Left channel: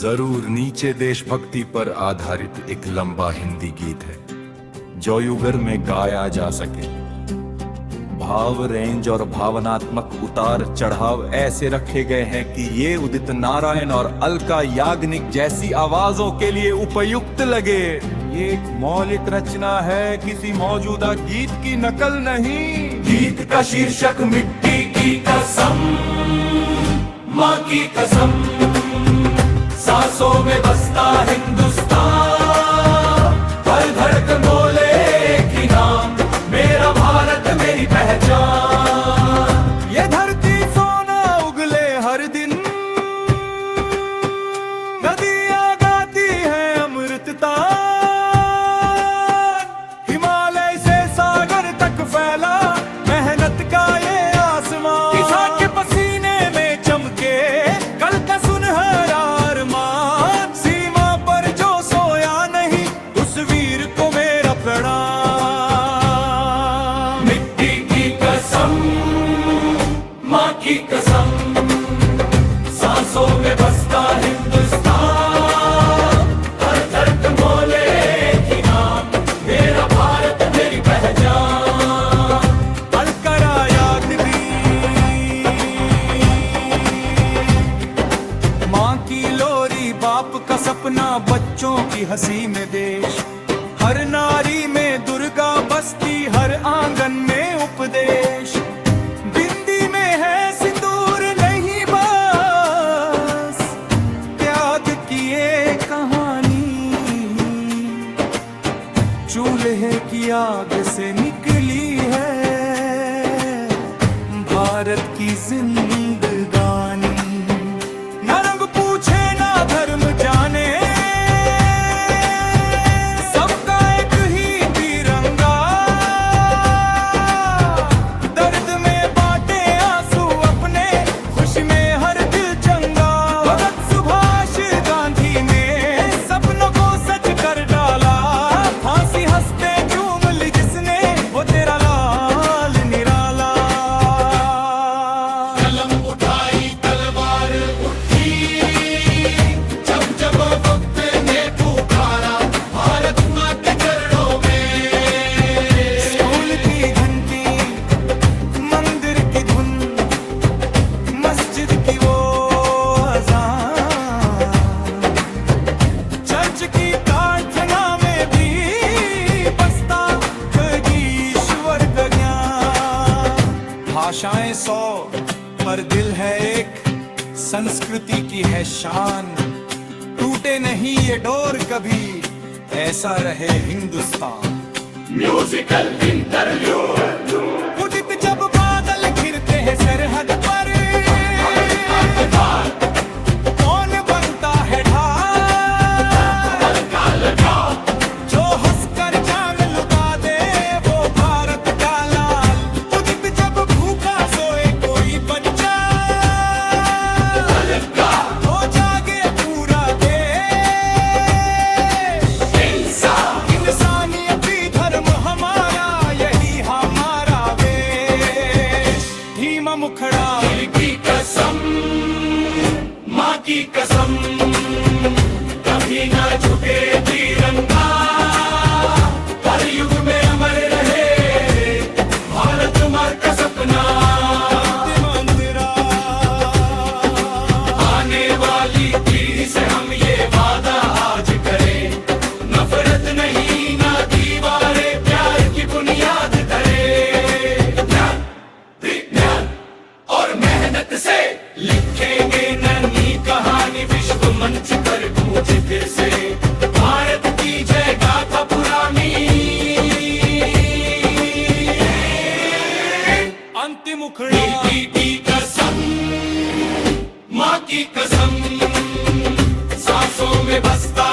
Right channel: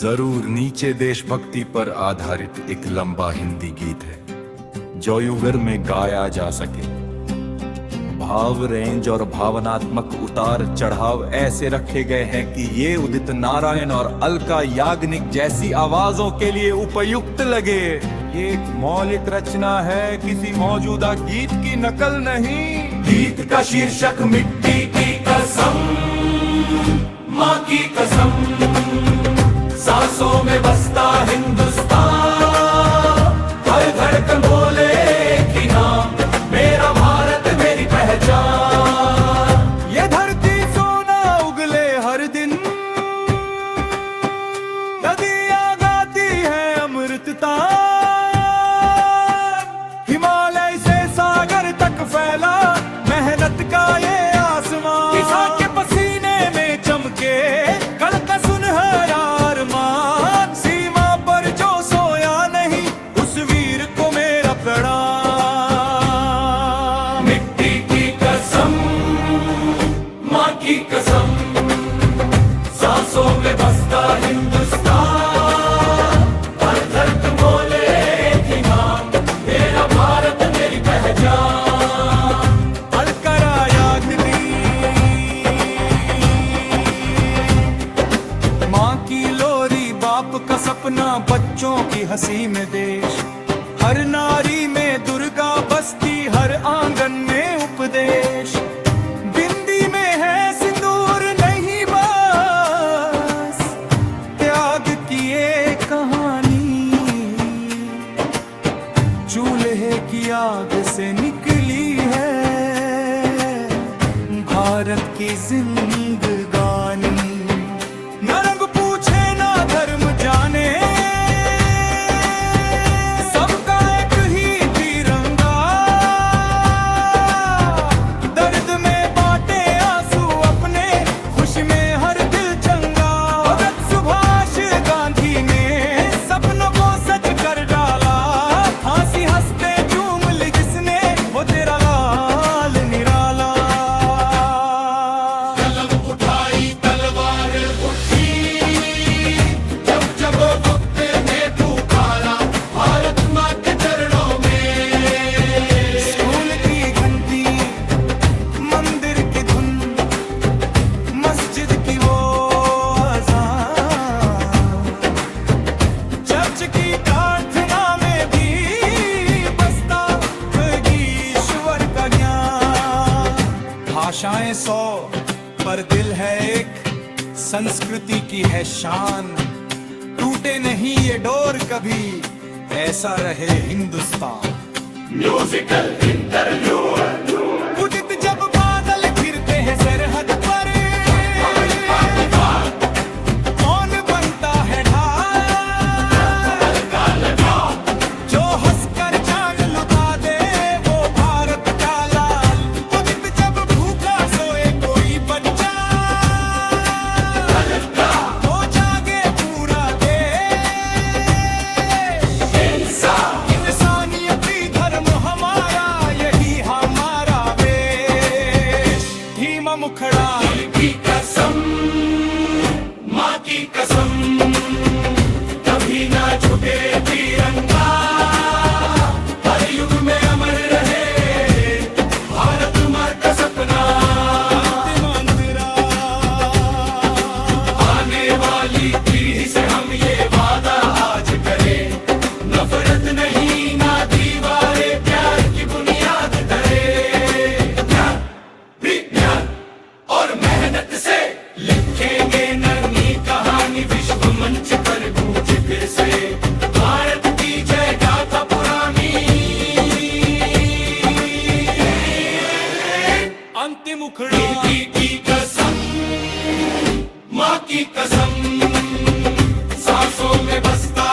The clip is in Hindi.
जरूर नीचे देशभक्ति पर आधारित एक लंबा हिंदी गीत है जो युगर में गाया जा सके। भाव रेंज और भावनात्मक उतार चढ़ाव ऐसे रखे गए हैं कि ये उदित नारायण और अलका याग्निक जैसी आवाजों के लिए उपयुक्त लगे। ये एक मौलिक रचना है, किसी मौजूदा गीत की नकल नहीं। गीत का शीर्षक मिट्टी की कसम, माँ की कसम, सांसों में बसता हिंदुस्तान, हर धड़कन बोले एक ही नाम, मेरा भारत मेरी पहचान। ये धरती सोना उगले हर दिन, नदियां गाती हैं अमृतता, हिमालय से सागर तक फैला मेहनत का ये आसमान। किसान के पसीने में चमके कल का सुनहरा अरमान, सीमा पर जो सोया नहीं उस वीर को मेरा प्रणाम। मिट्टी की कसम, माँ की कसम, सांसों में बसता हिंदुस्तान, हर धड़कन बोले एक ही नाम, मेरा भारत मेरी पहचान। अलका याग्निक, माँ की लोरी, बाप का सपना, बच्चों की हंसी में देश, हर नारी में दुर्गा बसती, हर आंगन में उपदेश। बिंदी में है सिंदूर नहीं बस त्याग की ये कहानी, चूल्हे की आग से निकली है भारत की जिंदगानी। न रंग पूछे ना धर्म जाने, सबका एक ही तिरंगा, दर्द में बांटे आंसू अपने, खुशी में हर दिल चंगा। भगत सुभाष गांधी ने सपनों को सच कर डाला, फांसी हंसते चूम ली जिसने, वो तेरा लाल निराला। कलम उठाई तलवार उठी, जब जब वक्त ने पुकारा, भारत माँ के चरणों में। स्कूल की घंटी, मंदिर की धुन, मस्जिद की वो अज़ान, चर्च की प्रार्थना में भी बसता ईश्वर का ज्ञान। भाषाएं 100 पर दिल है एक, संस्कृति की है शान, टूटे नहीं ये डोर कभी, ऐसा रहे हिंदुस्तान। म्यूजिकल इंटरव्यूड, उदित जब बादल घिरते हैं सरहद पर, कौन बनता है ढाल, जो हंसकर जान लुटा दे वो भारत का लाल। उदित जब भूखा सोए कोई बच्चा, हो जागे पूरा देश। इंसानियत ही धर्म हमारा, यही हमारा वेश। धीमा मुखड़ा, की कसम, माँ की कसम, कभी ना झुके तिरंगा, हर युग में अमर रहे भारत माँ का सपना। अंतिम अंतरा, आने वाली पीढ़ी से हम ये वादा आज करें, नफरत नहीं ना दीवारें, प्यार की बुनियाद धरे। ज्ञान, विज्ञान और मेहनत से लिखेंगे नई कहानी, विश्व मंच पर गूंजे फिर से भारत की जय गाथा पुरानी। अंतिम उखड़ा, मिट्टी की कसम, माँ की कसम, सांसों में बसता